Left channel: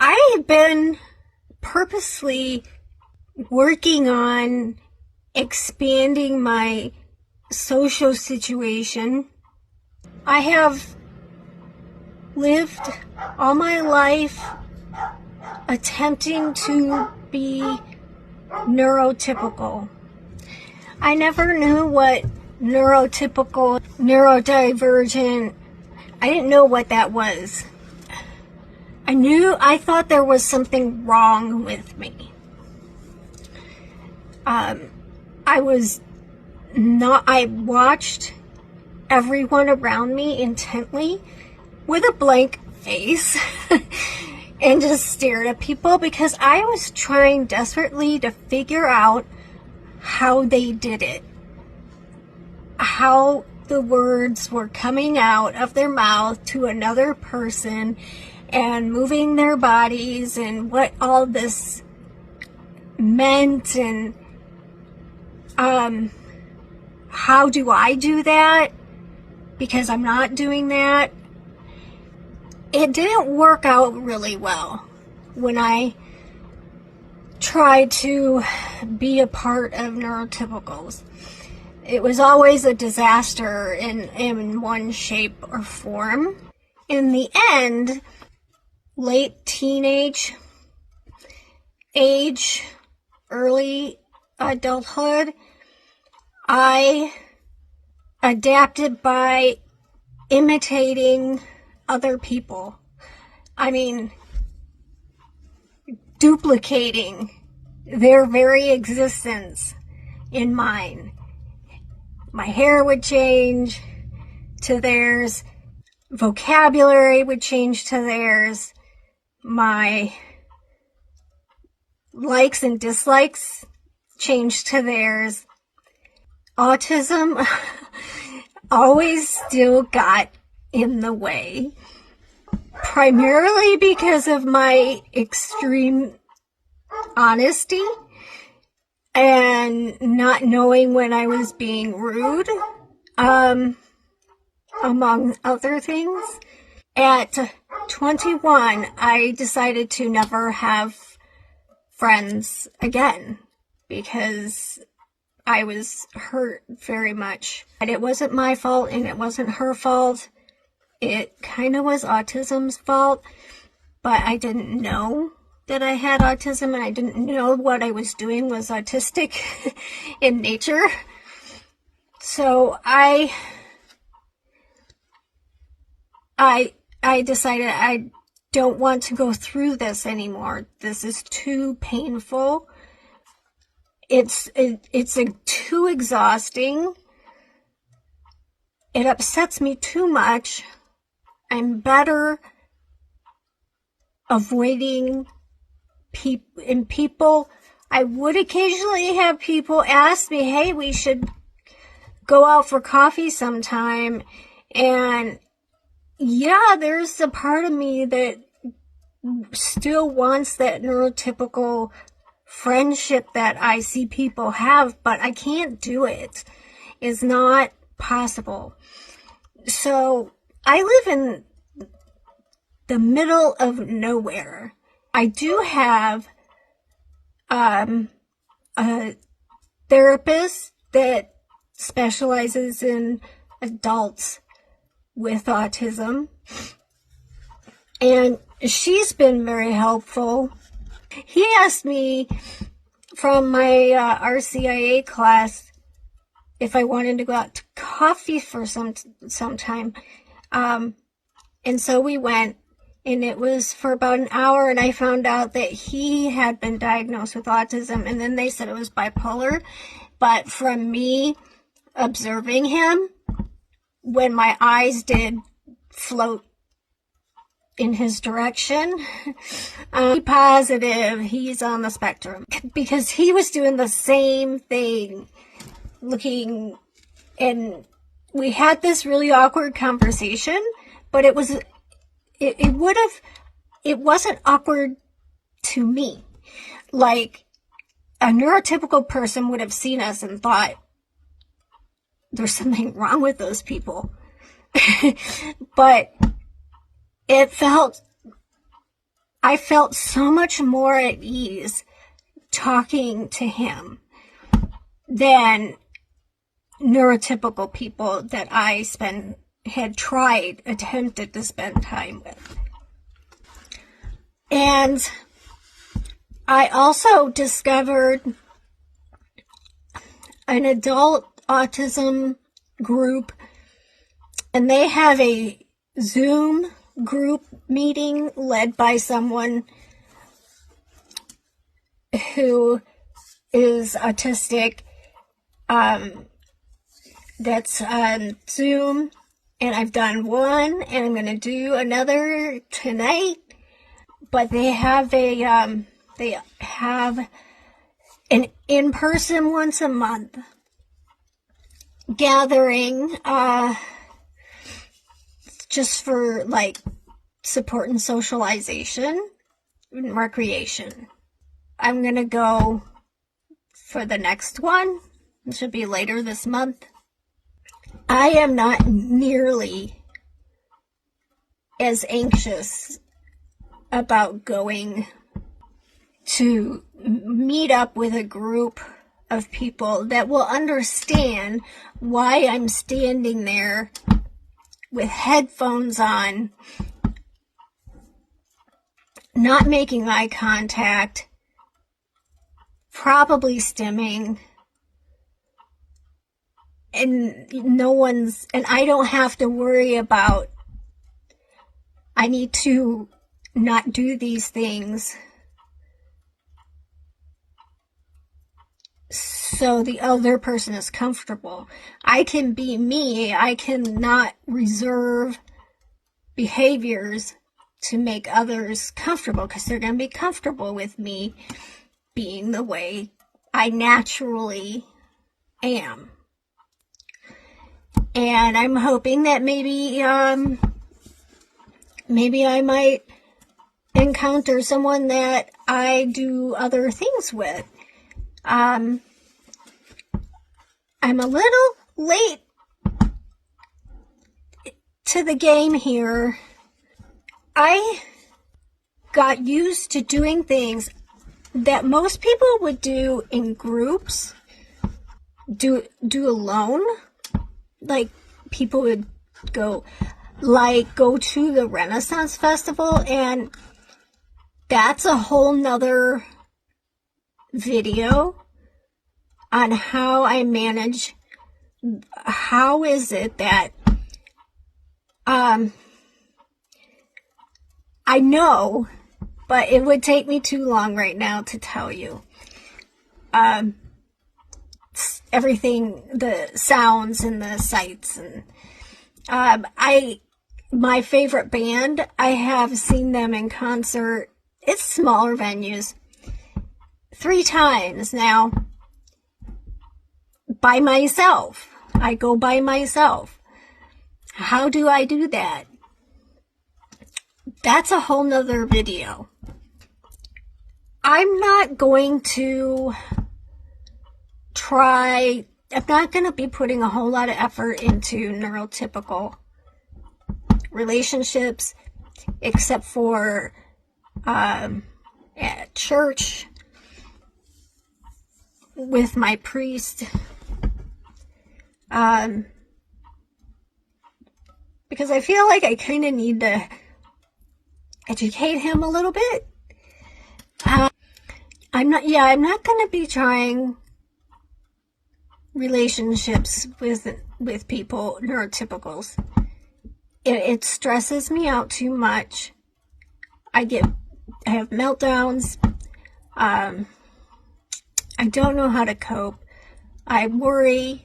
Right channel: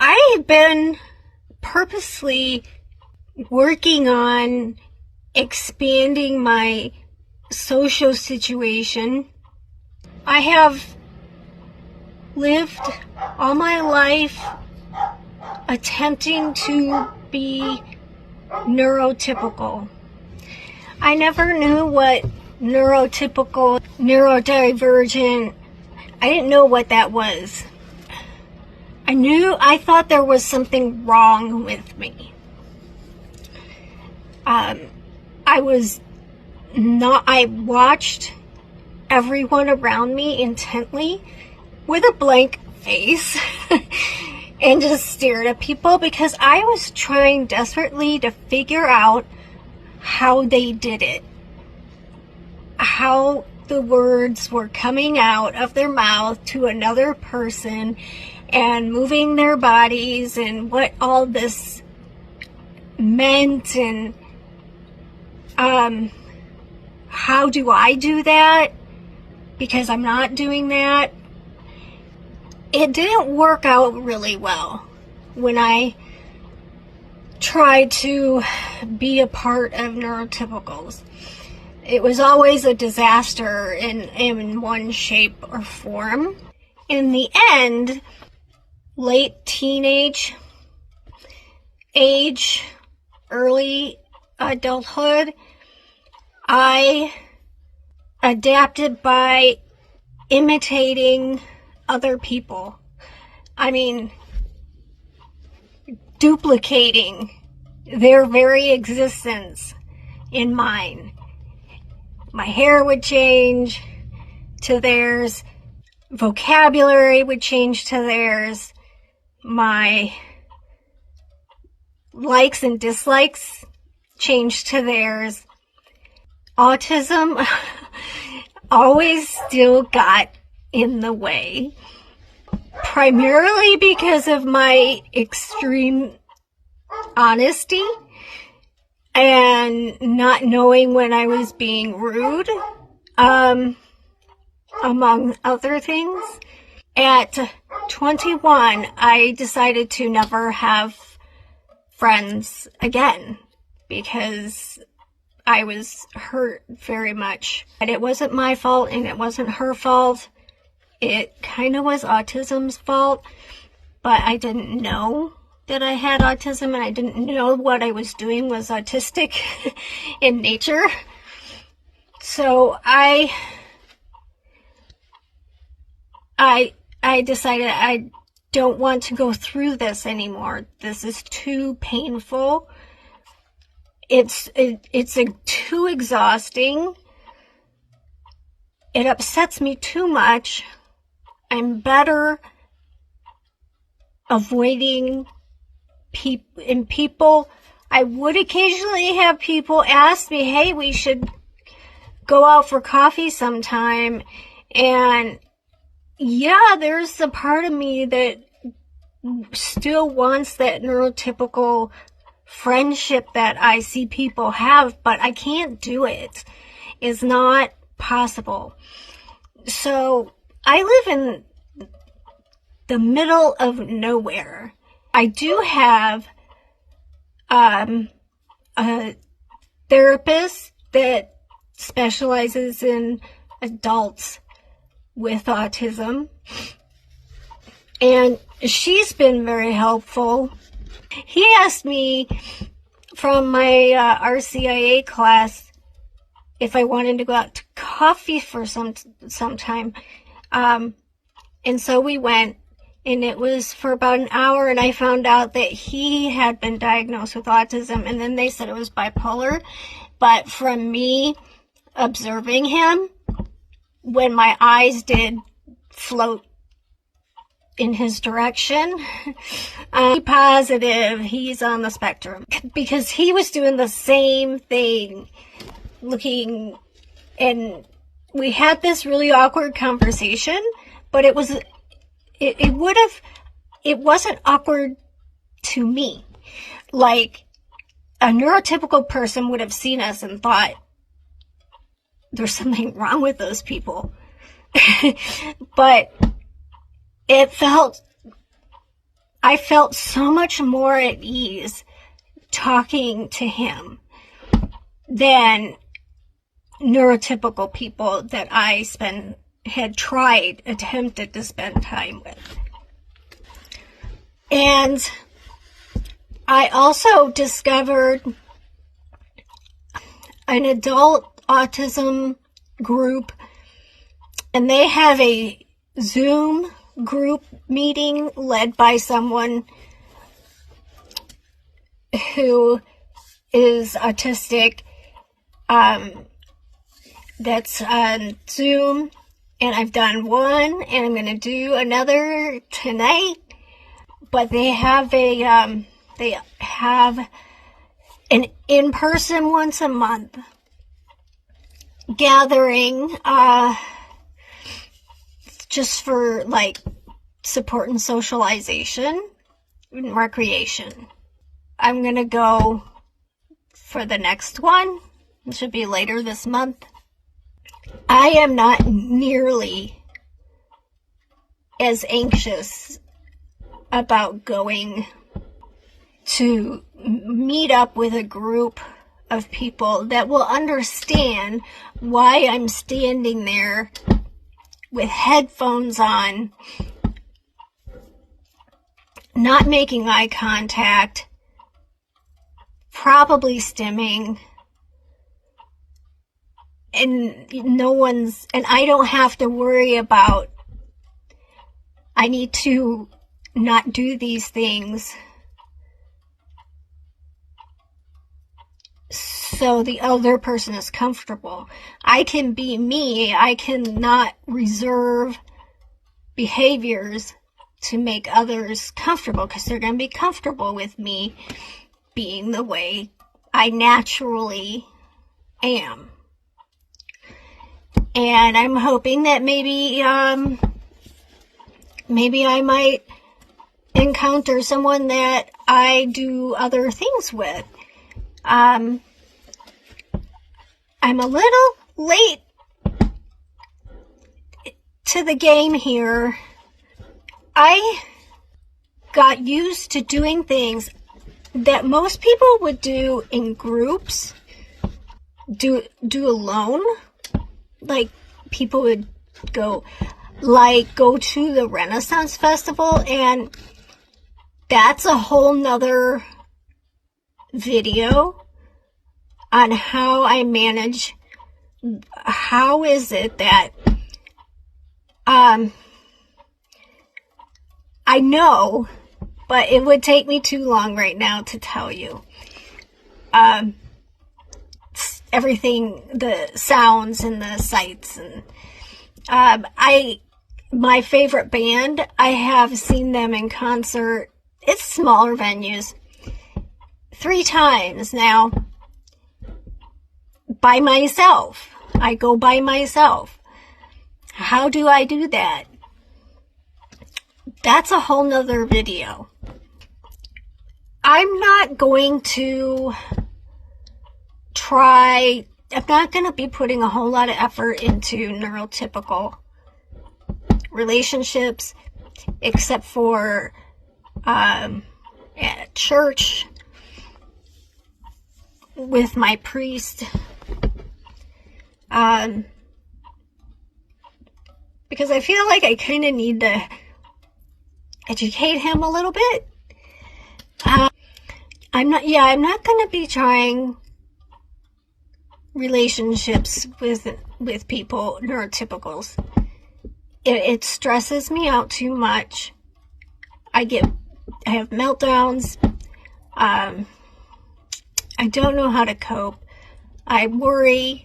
I've been purposely working on expanding my social situation. I have lived all my life attempting to be neurotypical. I never knew what neurotypical, neurodivergent, I didn't know what that was. I thought there was something wrong with me. I watched everyone around me intently with a blank face and just stared at people because I was trying desperately to figure out how they did it. How the words were coming out of their mouth to another person and moving their bodies and what all this meant and how do I do that? Because I'm not doing that. It didn't work out really well when I tried to be a part of neurotypicals. It was always a disaster in one shape or form. In the end, late teenage age, early adulthood, I adapted by imitating other people. I mean, duplicating their very existence in mine. My hair would change to theirs. Vocabulary would change to theirs. My likes and dislikes changed to theirs. Autism always still got in the way, primarily because of my extreme honesty and not knowing when I was being rude, among other things. At 21, I decided to never have friends again because I was hurt very much. But it wasn't my fault and it wasn't her fault. It kind of was autism's fault, but I didn't know that I had autism and I didn't know what I was doing was autistic in nature. So I decided I don't want to go through this anymore. This is too painful. It's too exhausting. It upsets me too much. I'm better avoiding people. I would occasionally have people ask me, hey, we should go out for coffee sometime. And yeah, there's a part of me that still wants that neurotypical friendship that I see people have, but I can't do it. It's not possible. So I live in the middle of nowhere. I do have a therapist that specializes in adults with autism, and she's been very helpful. He asked me from my RCIA class if I wanted to go out to coffee for some time. And so we went, and it was for about an hour, and I found out that he had been diagnosed with autism, and then they said it was bipolar. But from me observing him, when my eyes did float in his direction, positive he's on the spectrum, because he was doing the same thing, looking, and we had this really awkward conversation, but it wasn't awkward to me. Like, a neurotypical person would have seen us and thought there's something wrong with those people. But it felt I felt so much more at ease talking to him than neurotypical people that I attempted to spend time with. And I also discovered an adult autism group, and they have a Zoom group meeting led by someone who is autistic. That's on Zoom, and I've done one, and I'm going to do another tonight. But they have an in-person once a month gathering, just for like support and socialization and recreation. I'm going to go for the next one. It should be later this month. I am not nearly as anxious about going to meet up with a group of people that will understand why I'm standing there with headphones on, not making eye contact, probably stimming, and I don't have to worry about, I need to not do these things so the other person is comfortable. I can be me. I cannot reserve behaviors to make others comfortable, because they're going to be comfortable with me being the way I naturally am. And I'm hoping that maybe I might encounter someone that I do other things with. I'm a little late to the game here. I got used to doing things that most people would do in groups, do alone. Like, people would go to the Renaissance Festival, and that's a whole nother video on how I manage. How is it that I know, but it would take me too long right now to tell you. Everything, the sounds and the sights, and my favorite band, I have seen them in concert. It's smaller venues 3 times now, by myself. I go by myself. How do I do that? That's a whole nother video. I'm not going to I'm not going to be putting a whole lot of effort into neurotypical relationships, except for at church with my priest, because I feel like I kind of need to educate him a little bit. I'm not going to be trying relationships with people, neurotypicals. It stresses me out too much. I have meltdowns. I don't know how to cope. I worry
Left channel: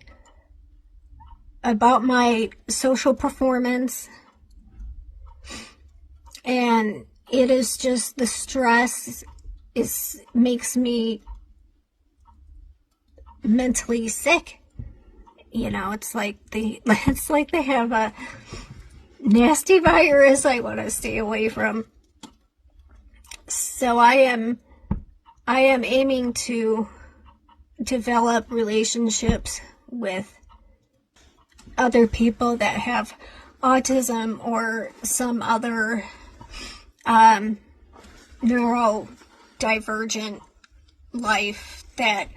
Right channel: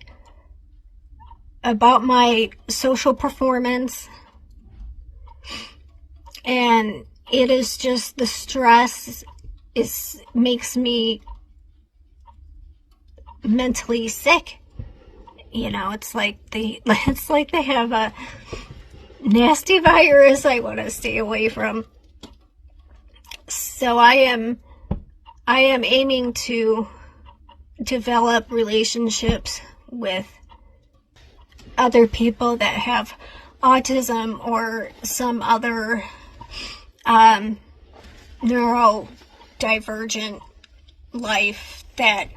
about my social performance, and it is just, the stress makes me mentally sick. You know, it's like they have a nasty virus I want to stay away from. So I am aiming to develop relationships with other people that have autism or some other neurodivergent life that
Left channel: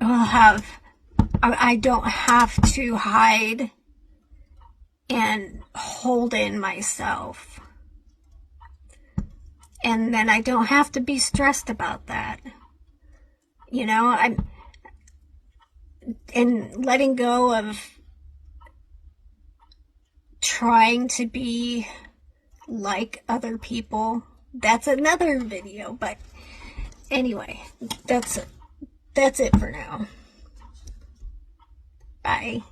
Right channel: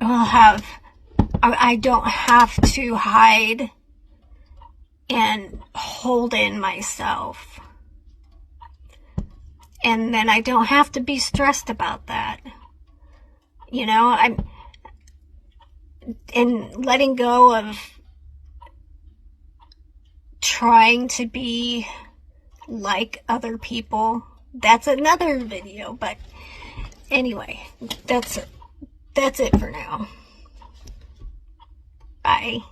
will have, I don't have to hide and hold in myself. And then I don't have to be stressed about that. You know, and letting go of trying to be like other people. That's another video, but anyway, that's it for now. Bye.